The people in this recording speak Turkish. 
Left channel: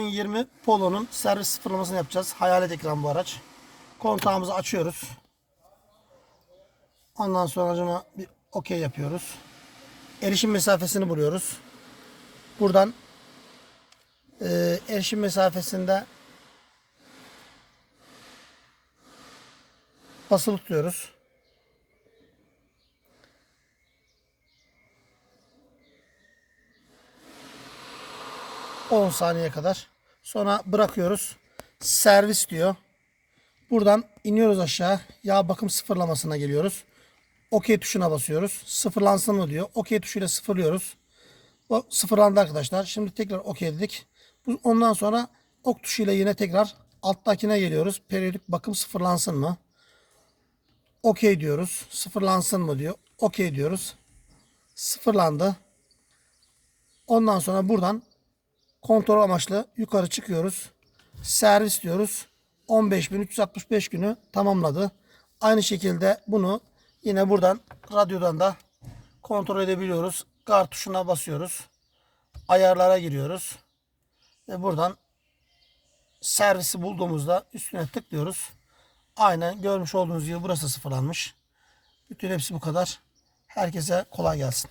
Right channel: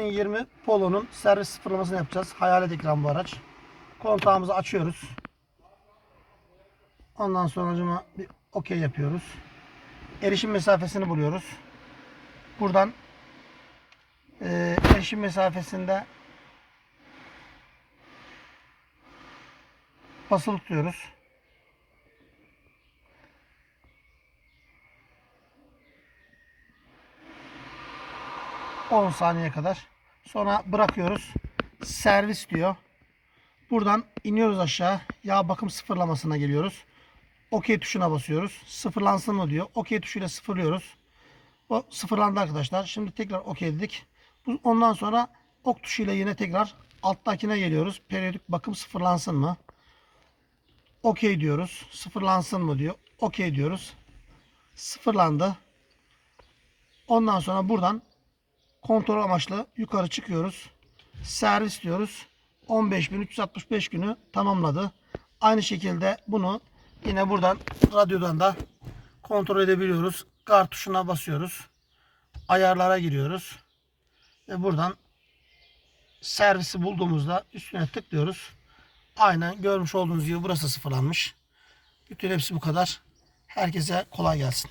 2020 Polo'nun servis sıfırlamasını yapacağız. Hayalet ekran bu araç. Kontağımızı açıyoruz. Ondan sonra acaba bir okey yapıyoruz. Erişim mesafesini buluyoruz. Buradan eee, erişim mesafesinde basılı tutuyoruz. ...10 saniye kadar. Sonra bırakıyoruz. Servis diyor. Buradan iniyoruz aşağı. Yağ bakım sıfırlamasına geliyoruz. OK tuşuna basıyoruz. Sıfırlansın mı diyor. OK tuşuyla sıfırlıyoruz. O sıfırlandı arkadaşlar. Şimdi tekrar OK dedik. Ondan sonra ok tuşuyla yine tekrar alttakine geliyoruz. Periyodik bakım sıfırlansın mı? OK diyoruz. Sıfırlansın mı diyor. OK diyoruz. Sıfırlandı. Ondan sonra buradan kontrol amaçlı yukarı çıkıyoruz. Servis diyoruz. 15.365 günü tamamladı. Aynı şekilde bunu yine buradan radyodan da kontrol edebiliyoruz. Kart tuşuna basıyoruz. Ayarlara giriyoruz. Ve buradan servisi bulduğumuzda üstüne tıklıyoruz. Aynen görmüş olduğunuz gibi burası sıfırlanmış. Bütün hepsi bu kadar. Herkese kolay gelsin.